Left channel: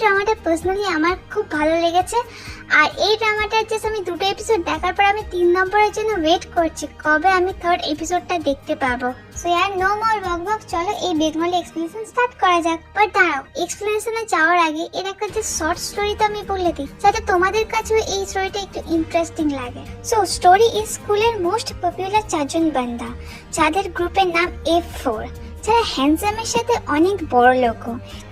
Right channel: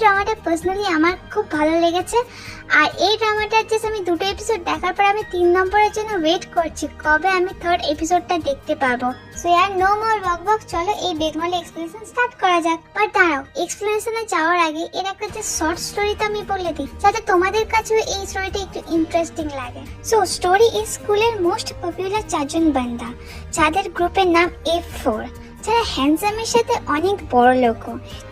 ড্রামাটা personally আমার খুব ভালো লেগেছে। আর এই ড্রামাটার যে আমি 2টো এপিসোড দেখার পর আমি 3 নম্বরের জন্য ওয়েট করছি কবে আমি 3rd এপিসোডটা দেখতে পাবো। সো ইয়ার নো মোর বক, চলো এই বেদমলি এক্সপ্লেনেশন স্টার্ট করা যাক। বাট দাঁড়াও, এক্সপ্লেনেশনে যাওয়ার আগে এর একটা যে শর্ট স্টোরি তো আমি বলে দিই, যাতে তোমাদের কাছেও এই স্টোরিটা একটু ইন্টারেস্টিং লাগে। সো স্টোরি ইজ স্কুলের মোস্ট পপুলার 4 জন বান্দা, যাদের গ্রুপের নাম F4, যারা হ্যান্ডসামের সাথে অনেক বড় লোক।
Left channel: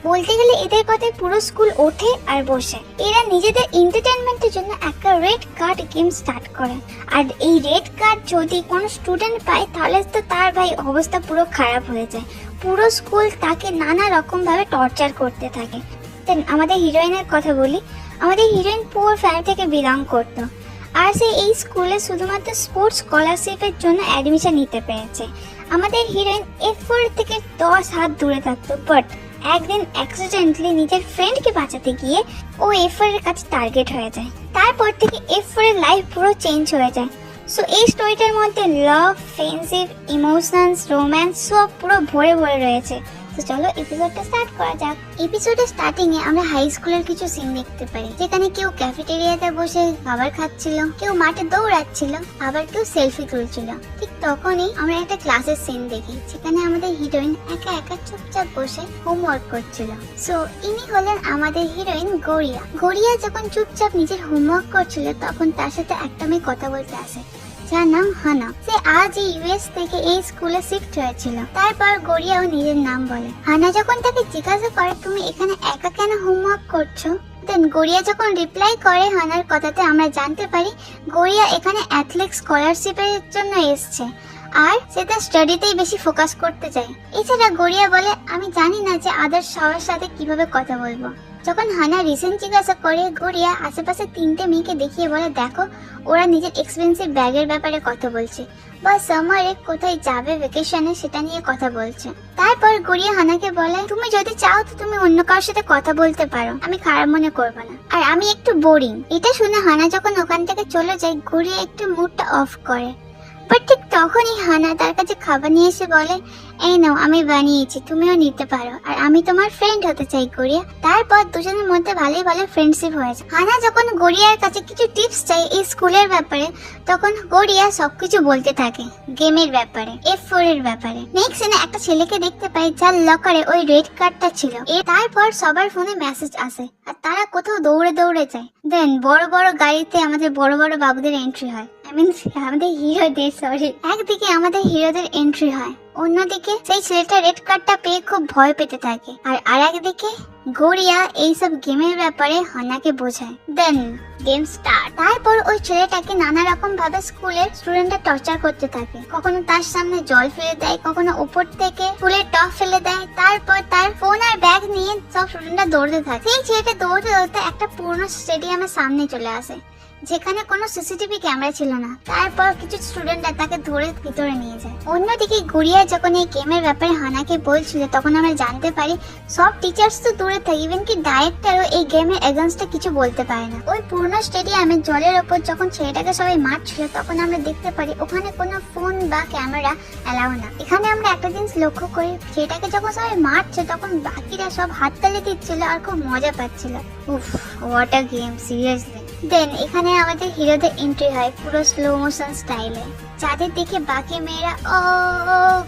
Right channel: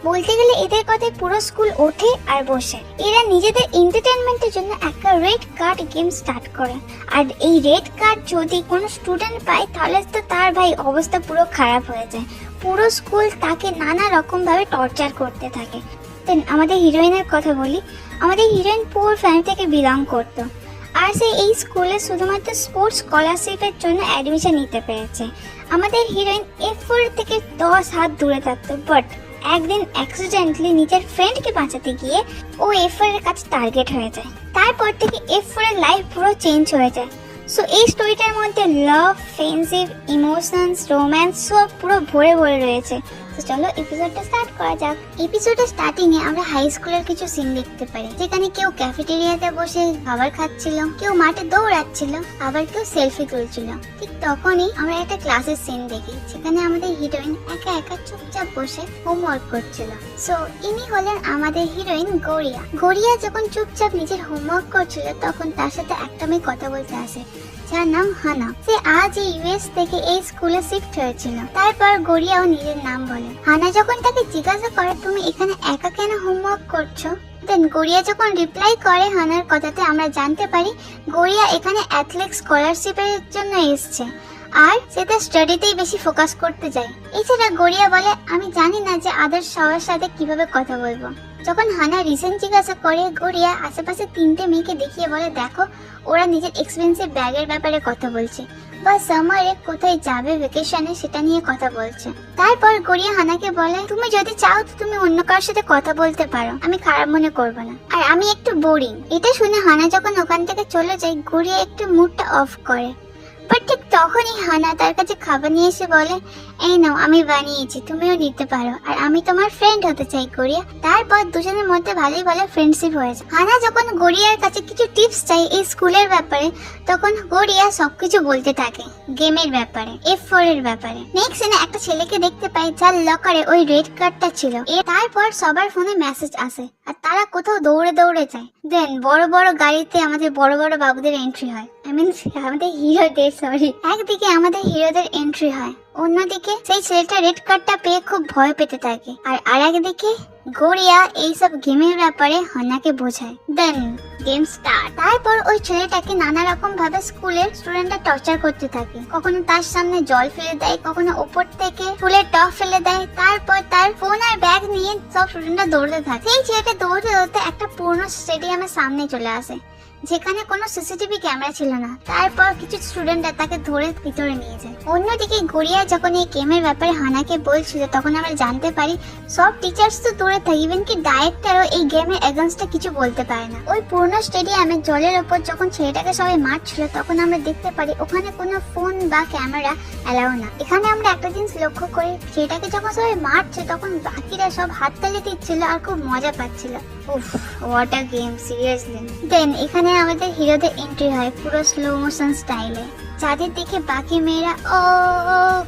বলতে গেলে এদের কথায় পুরো স্কুল ওঠে আর বসে। এরা নিজেদের এন্টারটেনমেন্টের জন্য একটা রেড কার্ড গেম স্টার্ট করে। আর এই রেড কার্ড যদি কোনো স্টুডেন্ট পায় তাহলে তো তার ভাই অবস্থা পুরো খারাপ হয়ে যায়। পুরো স্কুল তাকে নানা রকম ভাবে টর্চার করতে থাকে। দেন আমাদের হিরোইনের কথা বলি। আমাদের হিরোইন পুর ফ্যামিলি থেকে বিলং করতো, আর সে এই স্কুলে শুধুমাত্র স্পোর্টস স্কলারশিপের জন্য অ্যাডমিশন নিতে পেরেছে। আমাদের হিরোইন F4 থেকে 10 হাত দূরে থাকতো, বাট একদিন অ্যাক্সিডেন্টলি নিজের ফ্রেন্ডকে বাঁচাতে গিয়ে ও F4 এর কাছে টার্গেট হয়ে যায়। তারপর থেকে F4 এর লাইফ পুরো চেঞ্জ হয়ে যায়। সো এই স্টোরিটার মধ্যে লাভ, ফ্রেন্ডশিপ, ইমোশনস, রোম্যান্স সব পুরো ভরে ভরে রয়েছে। তো চলো এপিসোডটা স্টার্ট করা যাক। এপিসোডের স্টার্টিং এ আমরা হাই স্কুলের কিছু সিন দেখতে পারি, যেখানে কেউ ক্যাফেটেরিয়াতে বসে খাবার খাচ্ছিল, কেউ মাঠে দৌড়াচ্ছিল, আবার কেউ সেলফি তুলছিল। ঠিক তখনই আমরা একটা ক্লাসের সিন দেখি, যেখানে আমাদের হিরোইন একা একা চুপচাপ বসে হোমওয়ার্ক করছিল। সো ইনি হলেন আমাদের হিরোইন গড়িয়া। গড়িয়া যখন চুপচাপ নিজের হোমওয়ার্ক করছিল, তখন তার সাথে একটা মেয়ে কথা বলতে আসে, যার নাম হানা। সে আজ ইউএস থেকে এই স্কুলে শিফট হয়েছিল। তারপর গড়িয়াও নিজের নাম বলে। হানা যখন তাকে জিজ্ঞাসা করে তুমি এখানে একা কেন হোমওয়ার্ক করছো, দেন গড়িয়া যখন রিপ্লাই করে হানার কথাতে, আমরা জানতে পারি গড়িয়া এখানে অ্যাথলেটিক্স স্কলারশিপের জন্য এসেছে, আর সে তার স্টাডিতেই বেশি ফোকাস করতে চায়। এছাড়া গড়িয়া বলে আমি জানি না যে আদার্স সবার সাথে কিভাবে কথা বলবো। যখন হানা রিসেন্ট জিজ্ঞাসা করে, গড়িয়া আশেপাশে 3টে মেয়েকে দেখিয়ে বলে দেখো ওরা নিজের এক্সপেন্সিভ ব্যাগের ব্যাপারে কথা বলছে, বা সামারে কোথায় যাবে ভ্যাকেশনে সেটা নিয়ে কথা বলছে। তারপর গড়িয়া হানাকে বলে তুমি যদি চাও তো তুমি অন্য কারোর সাথে কথা বলতে পারো, আমি খারাপ মনে করবো না, আর আমি একটু বোরিং। এটা শুনে হানা যখন ওখান থেকে চলে যায়, গড়িয়া একটু মুডটা অফ করে। বাট ঠিক তখনই হানা তার কাছে খাবার নিয়ে এসে বলে এই নাও আমি বানিয়েছি, তুমিও নিতে পারো, আর আমি তোমার ফ্রেন্ড হতে চাই গড়িয়া। তারপর দুজনের মধ্যে ভালোই ভালো ফ্রেন্ডশিপ হয়েছে। হানা যখন গড়িয়ার কাছে কিছু টিপস চাই এই স্কুলের ব্যাপারে, তখন গড়িয়া সবকিছু বলতে থাকে গেমের ব্যাপারে, F4 এর ব্যাপারে। নেক্সট সিনে একটা ছেলেকে দেখতে পাই যার লকারে ওই রেড কার্ডটা ছিল। তারপর সবার ফোনে মেসেজ আসে আর তারা কোথাও দৌড়ে দৌড়ে যায়। দেন বড় বড় গাড়িতে আমাদের বড় বড় বাবুদের এন্ট্রি হয়, আমাদের হিরোদের, সরি, একদিকে আমাদের হিরোদের এন্ট্রি হয়, অন্যদিকে সেই ছেলেটা রেড কার্ডটা পেয়ে খুব ভয় পেতে থাকে, আর একদিকে গড়িয়া এইসব গেমের ব্যাপারে হানাকে বোঝায়। দেন গেম স্টার্ট। তারপর ওই ছেলেটাকে নানা রকম ভাবে স্কুলের স্টুডেন্টরা টর্চার করতে থাকে, কখনো তার সামনে জল ফেলে দেয়, কখনো উপর থেকে ফুলের টপ ফেলে দেয়। তারপর তার ফোন আর ব্যাগ নিয়ে সব স্টুডেন্টরা দৌড়তে থাকে। সেই ছেলেটা দৌড়তে দৌড়তে একটা পুরনো স্টেডিয়ামের সামনে চলে আসে, যেখানে কোনো সিসিটিভি ক্যামেরা ছিল না। তারপর কিছু স্টুডেন্টরা তাকে ধরে ভিতরে নিয়ে যায়। অন্যদিকে গড়িয়া যখন এই গেমের ব্যাপারে হানাকে বলছিল, তখন আমরা জানতে পারি সব টিচার্স তো দূরে থাকে, ইভেন কি ডাইরেক্টরও এই গেমের এগেইনস্টে কিছু বলতে পারে না। ওই পুরনো স্টেডিয়ামে জলের ওপর যখন ছেলেটাকে সবাই মারছিল, তখন আমরা দেখতে পারি ওখানে কোনো ফোন বা ক্যামেরা অ্যালাউ না। এখানে আমরা একটা জিনিস লক্ষ্য করি, ছেলেটাকে যখন সবাই মারছে তখন বাকিরা সব হাততালি দিচ্ছিল আর খুব মজা পাচ্ছিল। উফ, হোয়াট আ গেম, সিরিয়াসলি। দেন এখানে আমাদের হিরোদের এন্ট্রি হয় পুরো স্লো মোশন স্টাইলে, যাদের দেখে বাকি মেয়েরা ও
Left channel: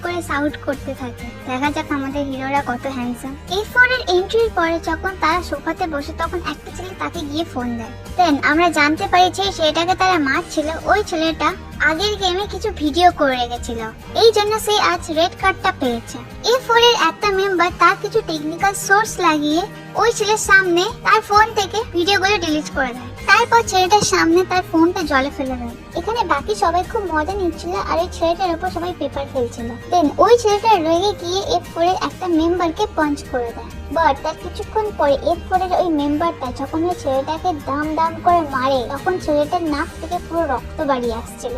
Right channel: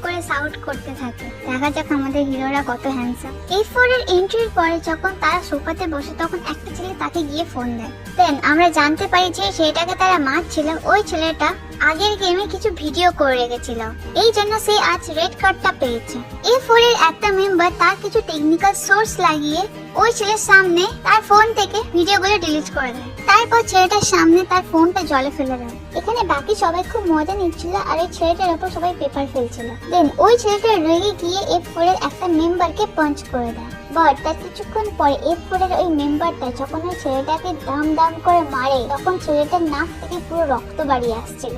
করে সাউট করতে থাকে। দেখা যাক আমাদের হিরোরা কত হ্যান্ডসাম। F4 এর এন্ট্রির পরে যখন তারা সোফাতে বসে, তখন একটা ছেলে তাকে গিয়ে ফোন দেয়। দেন আমরা জানতে পারি যে ছেলেটাকে তারা মারছিল, ওই ছেলেটা আগের গেমে কিছু ভিডিও করে রেখেছিল, এই জন্য সে আজ রেড কার্ডটা পেয়েছে। F4 এর একটা মেম্বার তার কিছু টেকনিক্যাল সোর্স লাগিয়ে ওই ছেলের সামনে তার ফোন থেকে ভিডিওগুলো ডিলিট করে দেয়। তারপর ছেলেটার সামনে তার ফোনটা জলে ফেলে দেয়। এখানে বাকি সবাই খুব মজা নিচ্ছিল, আর এই ছেলেটার উপর সবাই পেপার ফেলছিল। দেন ওই ছেলেটা রেগে গিয়ে F4 এর একটা মেম্বারকে পাঞ্চ করে দেয়। বাট তার কিছুক্ষণ পরে F4 এর ওই মেম্বারটা যখন ওই ছেলেটাকে দাম দাম করে মারে, তখন ছেলেটার নাক থেকে পুরো রক্ত বাড়িয়ে আসছিল।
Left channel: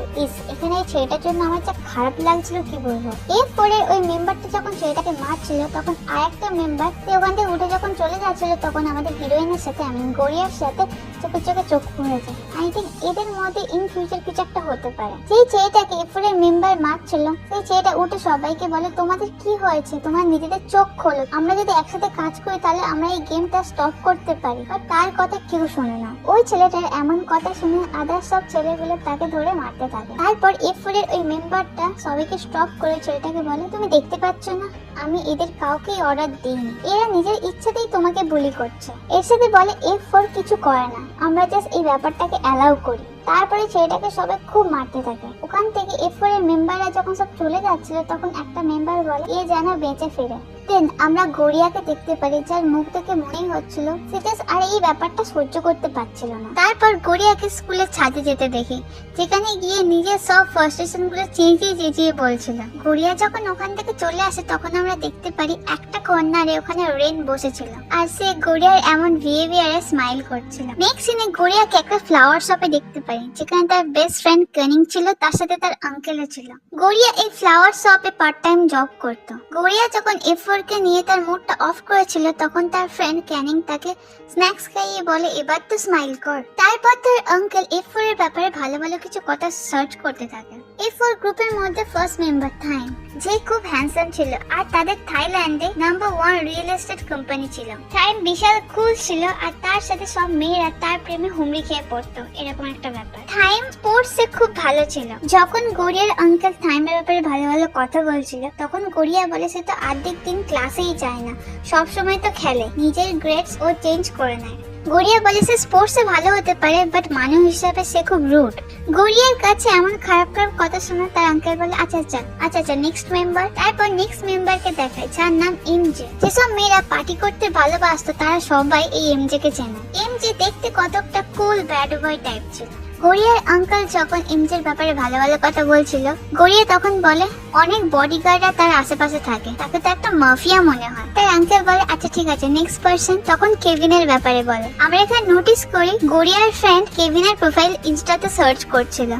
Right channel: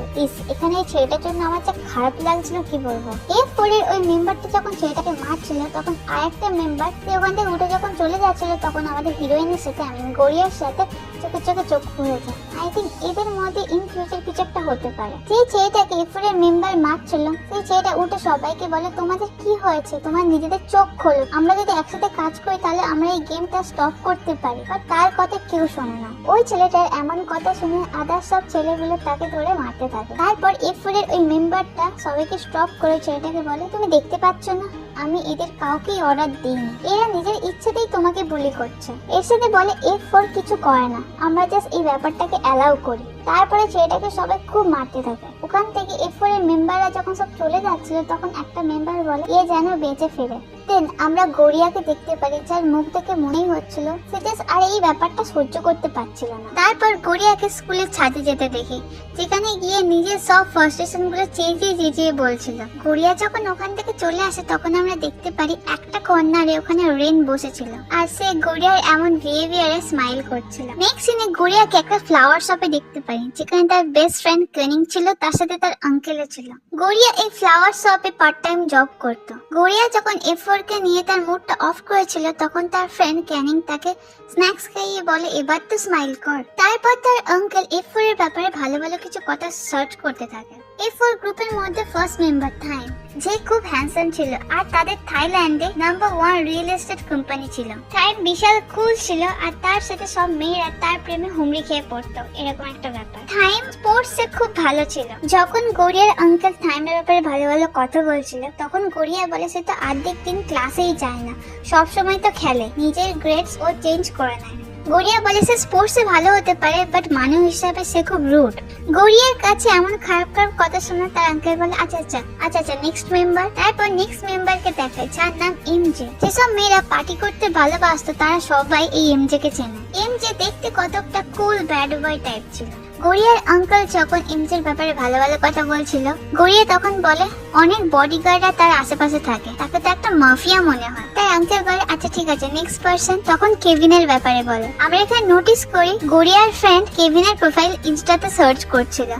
এখানে এই ছেলেটার জন্য আমার যা খারাপ লাগছিল কি বলবো। F4 এর ওই মেম্বারটা যখন ছেলেটাকে মারছিল, তখন আরেকটা মেম্বার ওখান থেকে উঠে যখন চলে যাচ্ছিল, তখন আমাদের হিরোইনের সাথে, গড়িয়ার সাথে চোখে চোখে চোখ পড়ে যায়। আই থিঙ্ক এদের মধ্যে ইন ফিউচার কিছু একটা হতে পারে। সেই ছেলেটাকে এফোর এর মেম্বার মারছিল, সেই ছেলেটা উঠে সবাইকে বলে তোমাদের কি হয়েছে, তোমার নিজেদের চোখ খোলো, আমরা যদি একসাথে কাজ করি তাহলে আমরা এই গেমটা স্টপ করতে পারি। তার কথা কেউ শোনে না। ওই ছেলেটার এমন কথা শুনে আদার সব ছেলেগুলো তাকে ধরে মারতে থাকে। তারপর এফোর এর ওই মেম্বারটা সবাইকে স্টপ করে ছেলেটাকে বলে তুমি দেখতে পাচ্ছ না আমি এদের কাউকেই অর্ডার দিইনি, এরা নিজের ইচ্ছাতেই তোমাকে বুলি করছে। এর সাথে বলে এফোর কিছু করে না, আমরা জাস্ট এই ব্যাপারটাকে অ্যালাউ করি। তারপরে ছেলেটাকে সবাই খুব মারতে থাকে। ওখান থেকে এফোর এর মেম্বাররা যখন সব চলে যাচ্ছিল তখন একটা মেম্বার বলে এ যেন বেঁচে ফিরে। দেন আমরা গড়িয়াকে দেখতে পারি, যার মুখ দেখে মনেই হচ্ছিল সে জাস্ট আর এই ব্যাপারটা সহ্য করতে পারছিল না। তারপর গড়িয়াকে স্কুলের ছাদে যেতে দেখি, যেখানে গিয়ে নিজের সব ফ্রাস্ট্রেশন গুলো চেঁচিয়ে চেঁচিয়ে বলছিল। গড়িয়া যখন ওখান থেকে চলে আসে তখন আমরা দেখতে পারি একটা কর্নারে ওখানে রেন বসেছিল আর সে গড়িয়ার এমন বিহেভিয়ারে স্মাইল করছিল। নেক্সট সিনে গড়িয়াকে একটা ফ্লাওয়ার শপে দেখতে পাই, যেখানে তার বেস্ট ফ্রেন্ড ক্যানিং ছিল, তার সাথে তার আঙ্কেলও ছিল। গড়িয়া এই ফ্লাওয়ার শপে পার্ট টাইম জব করতো। গড়িয়া যখন এফোর কে নিয়ে তার মুডটা অফ করেছিল তখন তার ফ্রেন্ড ক্যানিং তাকে স্ন্যাক্স খাইয়ে বলে এবার তো স্মাইল কর। তারপর তার আঙ্কেল এফোর এর ব্যাপারে ভালো ভালো কিছু কথা সার্চ করতে থাকে। এফোর গ্রুপের মধ্যে ফার্স্ট মেম্বার থাইম, যে খুব হ্যান্ডসাম ছিল আর তাদের থাইল্যান্ডে নাম্বার 1 রিয়েল এস্টেট কোম্পানি ছিল। থাইম বিশাল কুল ছিল আর তার সাথে সব মেয়েরা তার প্রেমে হুমড়ি খেয়ে পড়তো, এরকম একটা ব্যাপার। থাইম স্পোর্টসে খুব ভালো ছিল। যখন গড়িয়ার আঙ্কেল থাইমের ব্যাপারে ভালো ভালো কথা বলছিল তখন গড়িয়া বলে সে তো অর্ধেক দিন ক্লাসেই যায় না, সব সময় তো খেলে, নিজের গ্রেডস ও চেঞ্জ করে নেয়। গড়িয়া বলে সে স্পোর্টসে ভালো হতে পারে বাট মানুষ হিসাবে সে খুব রুড। গড়িয়ার কাছে এমন খারাপ খারাপ কথা শুনে তার আঙ্কেল বলে আচ্ছা নেক্সট মেম্বার। তারপর নেক্সট মেম্বারকে দেখায় যার নাম এমজে। যেসব মেয়েরা পার্টি করতে ভালোবাসতো তারা সবাই এই এমজে কে চেনে। এমজে দেখতে কতটা কুল ব্যাড বয় টাইপ ছিল। গড়িয়ার আঙ্কেল যখন এমজের ব্যাপারে ভালো ভালো কথা বলছিল গড়িয়া তখন বলে অনেক বডিগার্ডরা তার আশেপাশে থাকে, তাকে তো একটা মাফিয়া মনে হয়। তাই আঙ্কেল বলে আচ্ছা ঠিক আছে নেক্সট পার্সন। তখন কেভিনের ব্যাপারে বলে। আমরা এখানে নোটিস করি গড়িয়ার ফ্রেন্ড কেভিনের প্রোফাইল ইনস্টাতে সার্চ করছিল।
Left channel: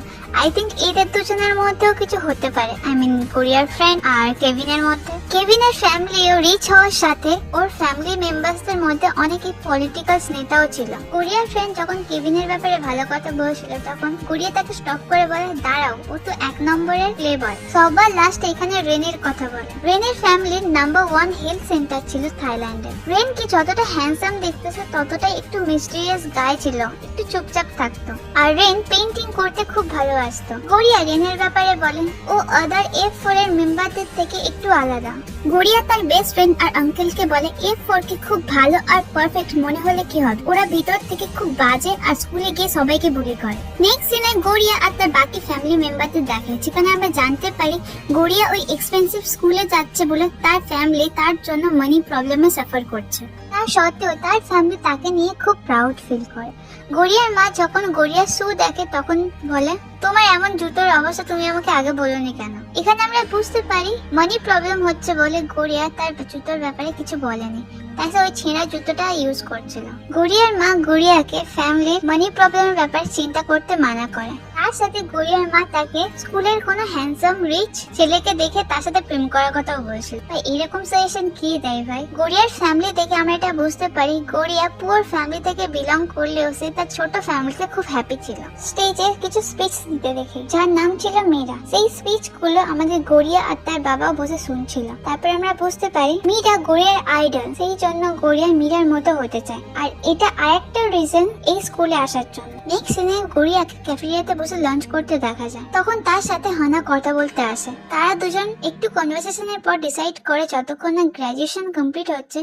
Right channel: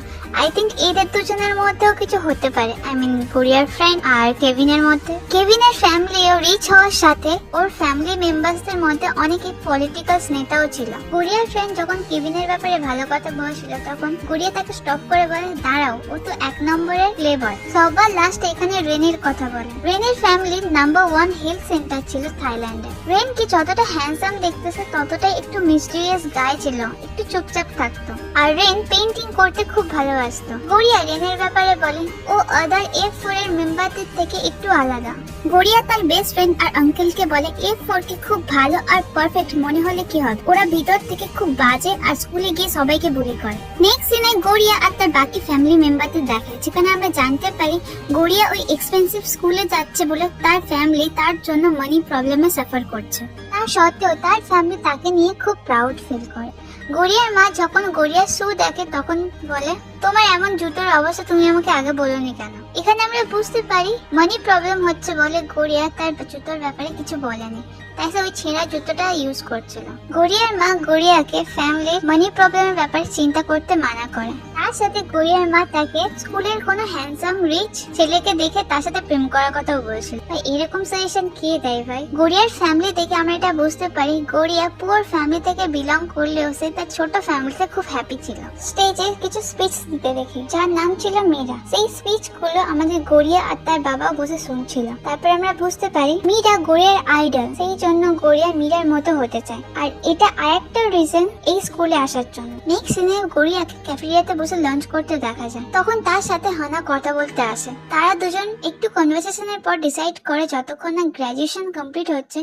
আই থিঙ্ক এদের দুজনের মধ্যেও কিছু হতে পারে, আই মিন গড়িয়ার ফ্রেন্ড আর কেভিনের মধ্যে। কেভিনের ফ্যামিলিও রিচ হওয়ার সাথে ওর ফ্যামিলি মেম্বারসদের মধ্যে অনেকই পলিটিক্যাল নেতাও ছিল। গড়িয়ার ফ্রেন্ড যখন কেভিনের ব্যাপারে ভালো কথা বলছিল তখন গড়িয়া তাকে স্টপ করে বলে দাঁড়াও, ও তো 1 নম্বরের প্লে বয়। সবার লাস্ট এখানে রেনের কথা বলে। রেনের ফ্যামিলির নাম্বার 1 হেলথ সেন্টার ছিল থাইল্যান্ডে। রেন কি যতটা হ্যান্ডসাম দেখতেছে ততটাই একটু মিস্টিরিয়াস গায় ছিল, একটু চুপচাপ থাকতো। আর রেন পেইন্টিং করতে খুব ভালোবাসতো। গড়িয়া রেনের ব্যাপারে বলে ও আদার F4 এর মেম্বারদের থেকে একটু আলাদা। গড়িয়া তার বেস্ট ফ্রেন্ড আর আঙ্কেলকে বলে F4 কি খুব ভালো আর পারফেক্ট মনে হলে কি হবে, ওরা ভিতর থেকে খুব বাজে আর স্কুলে গিয়ে সবাইকে বুলি করে। নেক্সট সিনে গড়িয়া আর তার বাকি ফ্যামিলি মেম্বারদের দেখায়, যেখানে আমরা জানতে পারি গড়িয়া ওই এক্সপেন্সিভ স্কুলে যাচ্ছে বলে তার ফ্যামিলি তার জন্য মানি প্রবলেমে সাফার করছে। তা সত্ত্বেও তার ফ্যামিলি তাকে নিয়ে খুব প্রাউড ফিল করে। গড়িয়ার মা যখন গড়িয়ার শু দেখে তখন বলে তোমার এমন জুতোর অবস্থা তুমি আমাকে আগে বলোনি কেন। এখানে আমরা বুঝতে পারি মানি প্রবলেম হচ্ছে বলে গড়িয়া তার জুতোর ব্যাপারে কিছু বলেনি, তাই সে ওই ছেঁড়া জুতোটা ইউজ করছিল। গড়িয়ার মা গড়িয়াকে ফ্যামিলি মানি প্রবলেমের ব্যাপারে চিন্তা করতে মানা করে। তার সাথে গড়িয়ার মা তাকে স্কুলের কোনো হ্যান্ডসাম রিচ ছেলেকে দেখে তার সাথে প্রেম করার কথাও বলেছিল। ভাই এরকম সাজেশন কে দেয় ভাই? গড়িয়ার ফ্যামিলি থেকে আমরা এটা বুঝতে পারি গড়িয়া পুয়ার ফ্যামিলি থেকে বিলং করলেও সে তার ছোট ফ্যামিলিতে খুব হ্যাপি ছিল। স্টেজে কিছু স্পিচ দিতে দেখে যার নাম ছিল মীরা। সেই স্পিচ গুলো আমাদের গড়িয়া আর তার বাবা বসে শুনছিল। তারপর আমরা বুঝতে পারি মীরা গড়িয়ার আইডল, সেই জন্য গড়িয়া মীরার মতো হতে চায়। আর এটা আরেকটা রিজন এই স্কুলে আসার জন্য। নেক্সট সিনে গড়িয়াকে ক্যাফেটেরিয়াতে বসে লাঞ্চ করতে দেখা যায়। তখন তার সাথে হানা কথা বলতে আসে। তারা দুজন একটু কনভারসেশনের পর ডিসাইড করে যতক্ষণ না গ্রাজুয়েশন কমপ্লিট হচ্ছে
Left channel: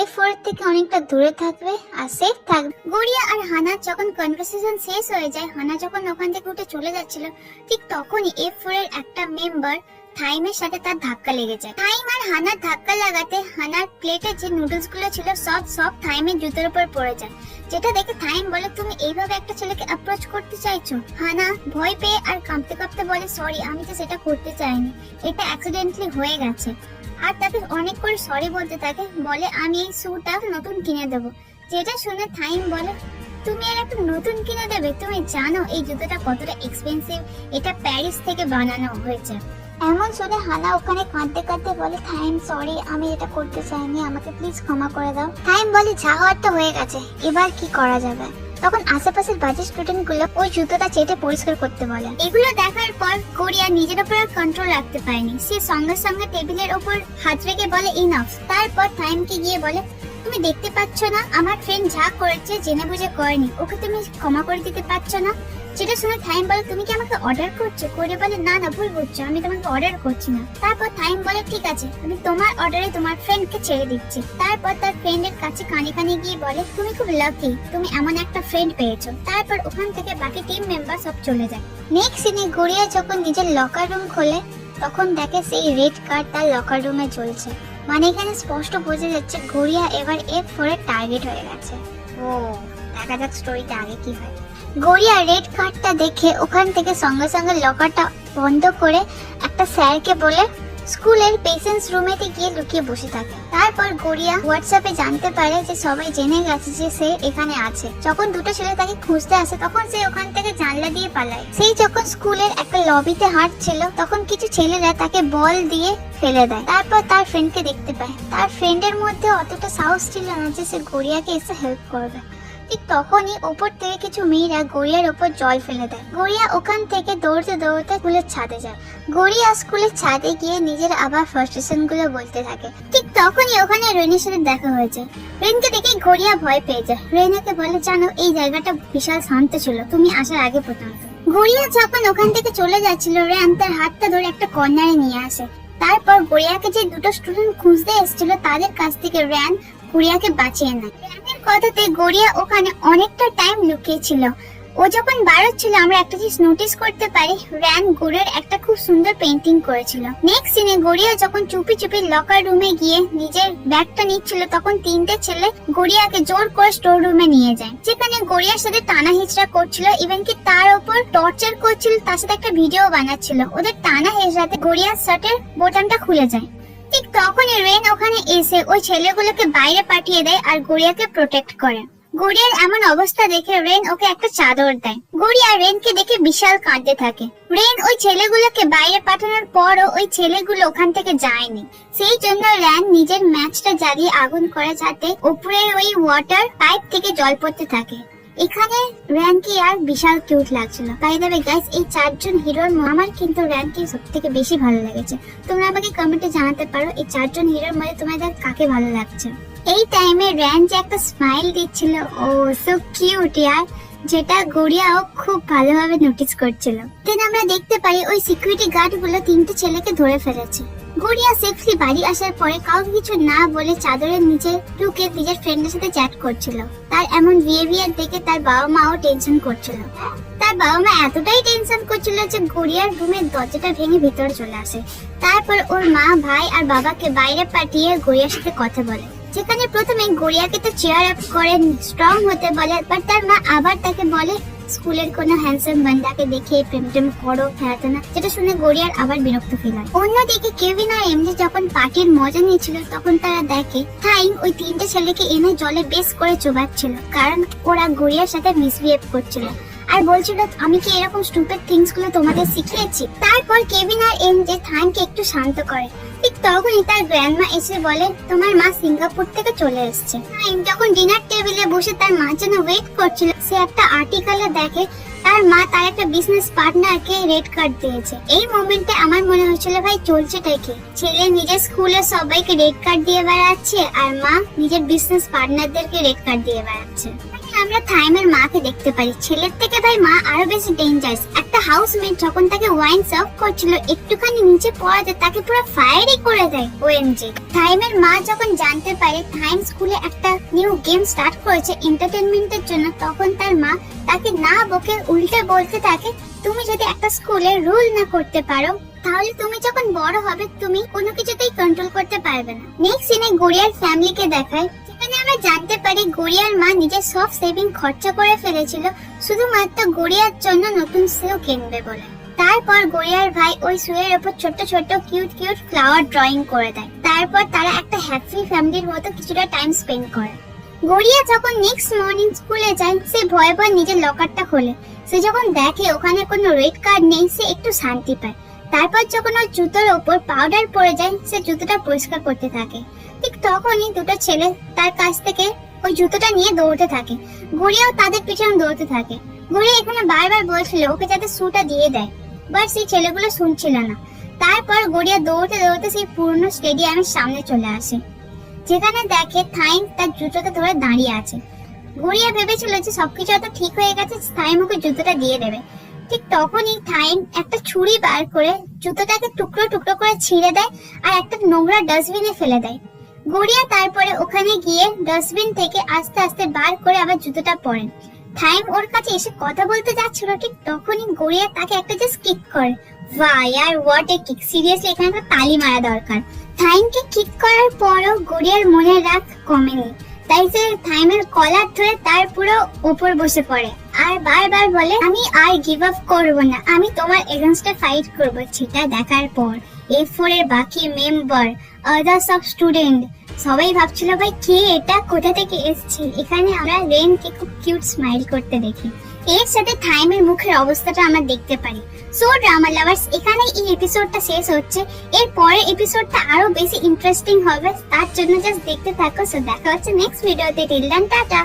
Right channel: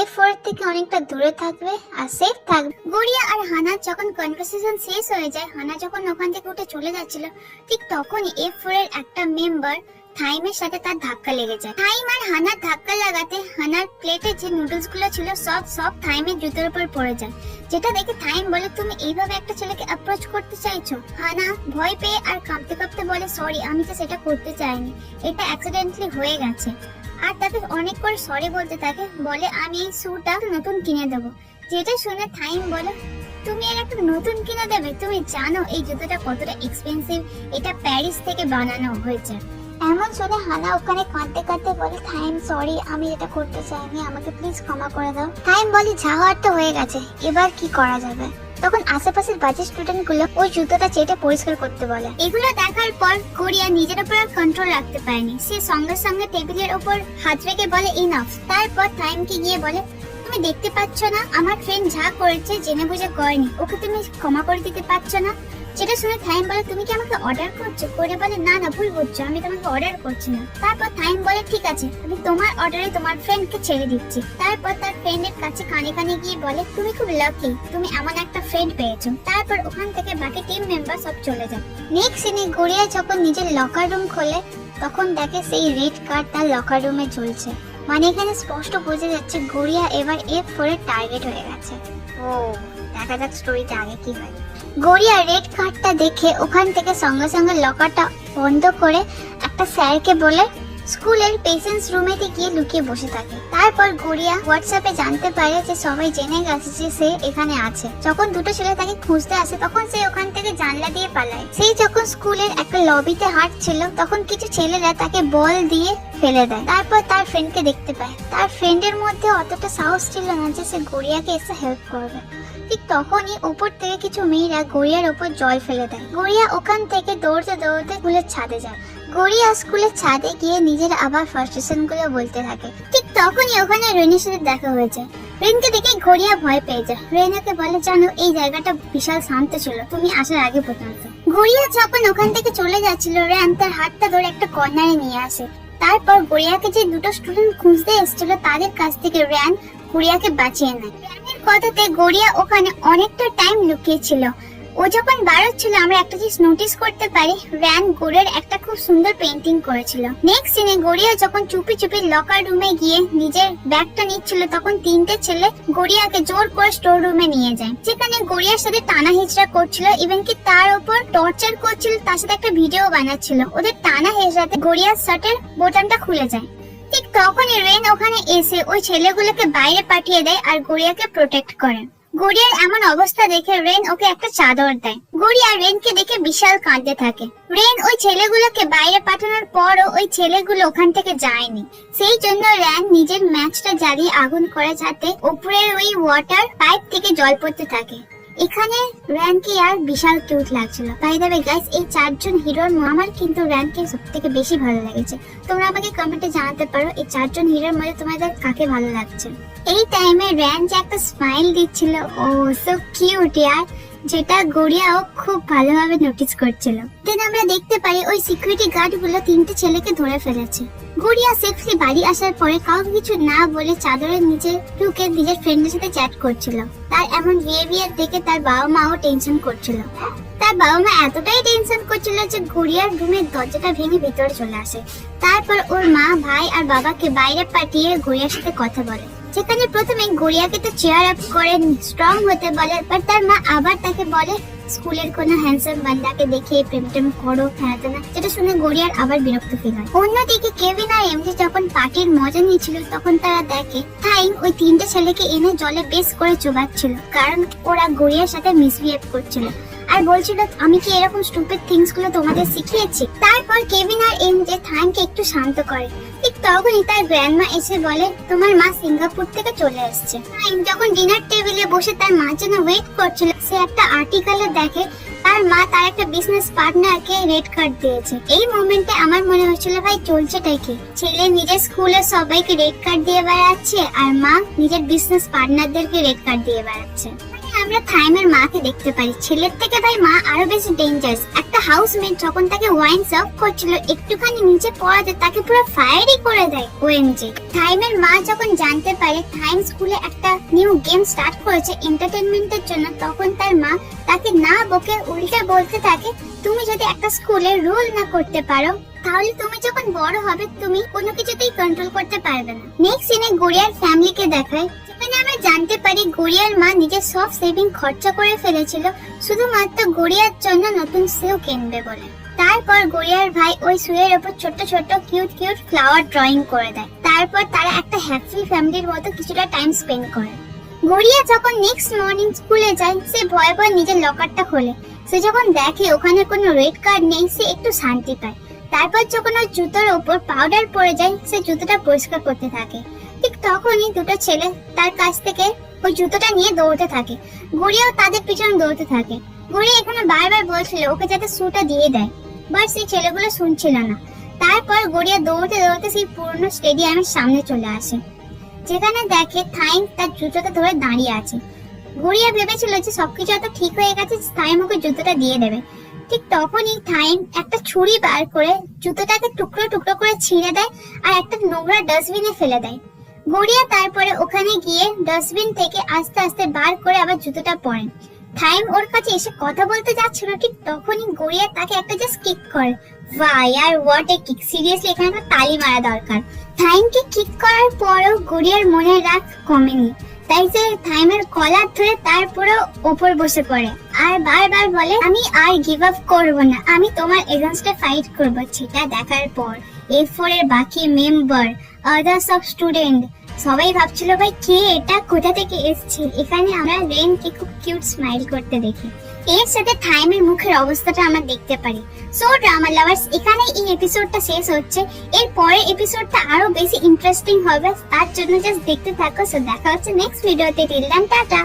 A4 থেকে অনেকটা দূরে থাকবে আর সেফ থাকবে। গড়িয়া আর হানা যখন কনভারসেশন শেষ হয়ে যায়, হানা যখন ওখান থেকে উঠে চলে যাচ্ছিল ঠিক তখনই A4 এর একটা মেম্বার থাইমের সাথে তার ধাক্কা লেগে যায়। থাইম আর হানার ধাক্কা লাগাতে হানার প্লেটে যে নুডলস গুলো ছিল সব থাইমের জুতোর উপর পড়ে যায়, যেটা দেখে থাইম বলে তুমি এইভাবে একটা ছেলেকে অ্যাপ্রোচ করতে চাইছো? হানা ভয় পেয়ে আর কাঁপতে কাঁপতে বলে সরি, আমি তো সেটা করতে চাইনি, এটা অ্যাক্সিডেন্টালি হয়ে গেছে। আর তাকে অনেক করে সরি বলতে থাকে, বলে আমি এই শুটা নতুন কিনে দেবো। যেটা শুনে থাইম বলে তুমি এর একটা নতুন কিনে দেবে? তুমি জানো এই জুতোটা কতটা এক্সপেন্সিভ? এটা প্যারিস থেকে বানানো হয়েছে। এমন শুনে হানা ওখানে কাঁদতে কাঁদতে বলে থাইম সরি, আমি এটা করতে চাইনি, আমাকে প্লিজ ক্ষমা করে দাও। থাইম বলে যা হওয়ার তো হয়ে গেছে, এবার কি করা যাবে? তখন আশেপাশের বাজে স্টুডেন্ট গুলো ওই জুতোটা চেটে পরিষ্কার করতে বলে। এগুলো দেখার পর গড়িয়া নিজের উপর কন্ট্রোল রাখতে পারেনি, সে সঙ্গে সঙ্গে টেবিলের উপর হাত রেখে বলে ইনাফ। তারপর টাইমকে গিয়ে বলে তুমি দেখতে পাচ্ছ না আমার ফ্রেন্ড যা করেছে জেনে বুঝে করেনি, ওকে তুমি ক্ষমা করে দিতে পারছো না? যেটা শুনে থাইম বলে তুমি কি আমাকে অর্ডার করছো? কোরিয়া বলে না না ভুল বুঝছো, আমি তোমাকে অর্ডার করছি না। তারপর থাইম বলে ঠিক আছে আমি তোমার অর্ডারে তোমার ফ্রেন্ডকে ছেড়ে দিচ্ছি। তারপর তার ফ্রেন্ডের কাছে কানে কানে গিয়ে বলে তুমি খুব লাকি, তুমি এমন একটা ফ্রেন্ড পেয়েছো। তারপর ওখান থেকে বাকি টিম মেম্বার সব চলে যায়। নেক্সট সিনে কোরিয়া যখন নিজের লকার রুম খোলে তখন দেখে সেই রেড কার্ড তার লকার রুমে ঝুলছে। মানে এখানে স্পষ্ট বোঝা যাচ্ছে গড়িয়া এবার F4 এর টার্গেট হয়ে গেছে। ও দেখা যাক স্টোরিতে আগে কি হয়। গড়িয়া রেড কার্ডটা দেখে ওখান থেকে সঙ্গে সঙ্গে লকারটা বন্ধ করে একটা স্যারকে বলে স্কুলের পেশেন্টস রুমেতে গিয়ে লুকিয়ে বসে থাকে। তারপর গড়িয়া হোয়াটসঅ্যাপে জানতে পারে যে সবাই জেনে গেছে যে সে এখানে আছে। যখন দুটো ছেলে তাকে খুঁজতে আসে তখন সে ওখান থেকে জানলা দিয়ে পালায়। সেই যখন স্কুলের একটা লবিতে হাঁটছিল তখন কিছু ছেলেরা তাকে বল দিয়ে ফেলে দেয়। তারপর তার ফ্রেন্ডকে দেখতে পায়। তার ফ্রেন্ডের মধ্যে অতটা সাহস ছিল না যে সে গড়িয়াকে এসে হেল্প করবে। ঠিক তখনই উপর থেকে কিছু মেয়েরা গড়িয়ার উপর জল ফেলে দেয়। গড়িয়া ওখান থেকে দৌড়তে দৌড়তে স্কুলের ছাদে যায়। গড়িয়া স্কুলের ছাদে গিয়ে নিজের আবার ফ্রাস্ট্রেশন গুলো বলতে থাকে। ঠিক তখনই ওখানে রেনের সাথে দেখা হয়েছে। রেনকে দেখে গড়িয়া ভয় পেয়ে যায়। রেনাকে বলে জানো এই জায়গাটা বিশাল শান্ত ছিল তুমি আসার আগে পর্যন্ত। গড়িয়া যখন ওখান থেকে চলে যাচ্ছিল রেন তার হাতটা ধরে একটা কর্নারে নিয়ে আসে। তারপর গড়িয়াকে যে দুটো স্টুডেন্ট খুঁজতে এসেছিল তাদের কাছ থেকে রেন গড়িয়াকে বাঁচিয়ে নেয়। রেনের কথাতে গড়িয়া ওখানে অনেকটা টাইম লুকিয়ে ছিল। ও যখন বাড়াচ্ছিল আমরা একটা জিনিস নোটিস করতে পারি, র্যান গুড়ের একটা খুব সুন্দর পেইন্টিং করেছিল। নেক্সট সিনে গড়িয়া যখন চুপি চুপি লকার রুমে গিয়ে নিজের ব্যাগটা নিচ্ছিল তখন তিনটে ছেলে গড়িয়াকে জোর করে স্টোর রুমে নিয়ে যায়, যেখানে গড়িয়ার সাথে টানা হেঁচড়া করছিল, ইভেন কি তার উপর টর্চার করছিল, তার সাথে একটা ভিডিও বানাচ্ছিল। ওদের টানা হেঁচড়াতে গড়িয়ার শার্টের বোতামটা খুলে যায়। ঠিক তখনই রেন ওখানে এসে ওই ছেলেগুলোকে বাইরে পাঠিয়ে দেয় আর গড়িয়াকে প্রোটেক্ট করে। গড়িয়ার এমন অবস্থা দেখে রেন ওকে একটা চাদর দেয়। গড়িয়া রেনকে দেখে বিশাল কাঁদতে থাকে। রেন ওই ছেলেগুলোকে বাইরে পাঠানোর পরও ওই ছেলেগুলো ওখান থেকে যায়নি। সেই জন্য রেন নিজের ম্যাচটা জ্বালিয়ে আগুন করে যাতে উপরের ওই ওয়াটার পাইপ থেকে জল পড়তে থাকে। এখানে র্যানকে আর বিশাল কিউট লাগছিল। বাই দ্য ওয়ে গাইস, এই চারজন হিরোর আমার কিন্তু র্যানকে সবথেকে বেশি ভালো লেগেছে। তোমরা আমাকে কমেন্টে জানাতে পারো এই চারজন হিরোর মধ্যে তোমাদের কাকে ভালো লাগছে। এই টাইমে র্যান যে একটা স্মাইল দিচ্ছিল, ও সো কিউট ইয়ার, যেটা গড়িয়াও খুব ভালোভাবে নোটিস করছিল। দেন আমরা দেখতে পাই ওই সিকিউরিটি গার্ড গুলো তিনটে ছেলেকে ধরে ফেলেছে। গড়িয়া সেফলি বাড়ি আসার পরে কাউকে কিছু না বলে চাদরের নিচে ঢুকে নিজের ফ্রেন্ডের সাথে চ্যাট করছিল। তার এমন বিহেভিয়ার দেখে তার বাবা মাও টেনশন করছিল। তার বাবা মা এতটাই টেনশন করছিল যে গড়িয়ার রুমের দরজাটা ভেঙে ভেতরে চলে আসে। তারপর ওর মা, ভাই আর বাবাকে বাইরে পাঠিয়ে গড়িয়ার সাথে কথা বলে, যেখানে প্রথমে গড়িয়াকে তো চেয়ার আপ করে স্ট্রং হতে বলে, বাট তার মা আবার তাকে বলে স্কুলের কোনো হ্যান্ডসাম বান্দাকে দেখে প্রেম টেম করো, খেলাতে না, যেটা শুনে গড়িয়ার আবার বিরক্ত ফিল হয়। অন্যদিকে কেভিন আর এমজে যখন পার্টির মজা নিচ্ছিল তখন তারা দেখে থাইম ওই তিনটে ছেলেকে এনে জলে বেশ করে চুবাচ্ছিল, কারণ ওরা গড়িয়ার সাথে মিসবিহেভ করছিল আর বলছিল আমি কি এরকম স্টুপিড থিংস গুলো তোমাদের শিখিয়েছি। তারপর কেভিন আর এমজে থাইমকে একটু শান্ত করে। ঠিক তখনই তার গ্র্যান্ডমা এসে বলে তোমার মা সিঙ্গাপুর থেকে চলে এসেছে। যখন ডিনার টেবিলে বসে তার মার জন্য ওয়েট করছিল, সে একটা আর্টিকেলে দেখে তার মা তার একটা বিজনেস পার্টনারকে রেড কার্ড দিয়েছে। এই মোমেন্টে আমার মনে হচ্ছিল ভাই চলছেটাই কি, ছেলে নিজের স্কুলে সবাইকে রেড কার্ড দিয়ে বেড়াচ্ছে আর মা নিজের বিজনেস পার্টনারদেরকে রেড কার্ড দিয়ে বেড়াচ্ছে। আমরা থাইমের মাকে দেখতে পারি, ছেলের থেকে ভাই মা আরো বেশি ডেঞ্জারাস। একটা হাউসমেট যখন তাকে ওয়াইন সার্ভ করছিল একটুখানি নিচে পড়াতে তাকে পুরো ফায়ারই করে দেয়। ওএমজি। থাইমের মা যখন জানতে পারে থাইম স্কুলে একটা নিউ গেম স্টার্ট করেছে এন্টারটেইনমেন্টের জন্য, তখন তার মা তাকে না বকে উল্টে বলতে থাকে তুমি যদি একটা স্কুলে রুল না করতে পারো তাহলে তুমি যখন বড় হবে তুমি কোনো কিছুতেই কন্ট্রোল করতে পারবে না। নেক্সট সিনে গড়িয়ার ফ্যামিলিকে দেখায়, যেখানে আমরা জানতে পারি গড়িয়ার মা নিজের সব সেভিং খরচা করে ফেলেছিল শুধুমাত্র গড়িয়ার জন্য নতুন শু কিনবে বলে। তারপর গড়িয়ার ভাই ওই শুয়ের উপর ছোট ছোট কিউট কিউট ফ্লাওয়ার ড্রয়িং করে দেয়। তারপর তারা একটা হ্যাপি ফ্যামিলির মতো কিছুটা টাইম স্পেন্ড করে। গড়িয়া যখন নেক্সট মর্নিং স্কুলে যায় সে ভয়ে ভয়ে নিজের লকারটা খোলে। সে যখন দেখে ওখানে কোনো রেড কার্ড নেই সে একটু শান্তি পায়। তারপর যখন ওর জুতোর উপর পাউডার পড়ে যায় সে জুতোটা পরিষ্কার করতে থাকে। ঠিক তখনই দুটো ছেলে তার কাছ থেকে ওই জুতোটা নিয়ে দৌড়তে থাকে। গড়িয়াও তাদের পিছনে দৌড়তে থাকে। গড়িয়া এখানে বারবার বলছিল ওকে যাতে শুটা দিয়ে দেয়, বাট সেই ছেলেগুলো শুনছিল না। তারপর গড়িয়া দৌড়তে দৌড়তে সেই পুরনো স্টেডিয়ামের সামনে চলে আসে, যেখানে দেখে থাইম তার জুতোটা ধরে দাঁড়িয়ে আছে। গড়িয়া ভেবেছিল যে সবকিছু এত ঠিক হয়ে গেছে, থাইম ওকে জুতোটা দিয়ে দেবে। ঠিক তখনই থাইম একটা ছুরি বার করে জুতোটাকে টুকরো টুকরো করে ছিঁড়ে দেয় আর একটা নোংরা ডাস্টবিনে ফেলে দেয়। গড়িয়া তারপরে ওখানে গিয়ে ডাস্টবিন থেকে আস্তে আস্তে বার করে আবার জুতোটা পরে। থাইম ওর কাছে এসে কথা বলতে যাচ্ছিল, ঠিক তখনই গড়িয়া তাকে একটা জাস্ট কিক করে। বাহ ইয়ার, হোয়াট এ কিক! সিরিয়াসলি এখানে একটা তালি মারা দরকার। থাইমকে কিক করার পরও গড়িয়ার মনের রাগ কমেনি, তাই সে থাইমের কলার ধরে তার পুরো ওপর বসে পড়ে আর বারবার বলে, আমি আর গিভ আপ করব না, আমি তোমার এগেইনস্টে ফাইট করব। সেটা দেখার পর A4 এর বাকি মেম্বার, আদার্স অফ স্টুডেন্ট সবাই ভাবছিল ভাই কে এটা, কোথা থেকে এসেছে। এখানে আমরা রেনকে খুব কিউট স্মাইল করতে দেখি। এর সাথে থাইমের মুখের অবস্থাটা আমরা দেখতে পারি। সো ড্রামা লাভার্স, এখানে এই এপিসোডটা শেষ হচ্ছে। এর পরের এপিসোডটা আরো বেশি ইন্টারেস্টিং হবে, তার জন্য জাস্ট দেখতে থাকো। সো দেখা হচ্ছে নেক্সট ভিডিওতে। Till then tata.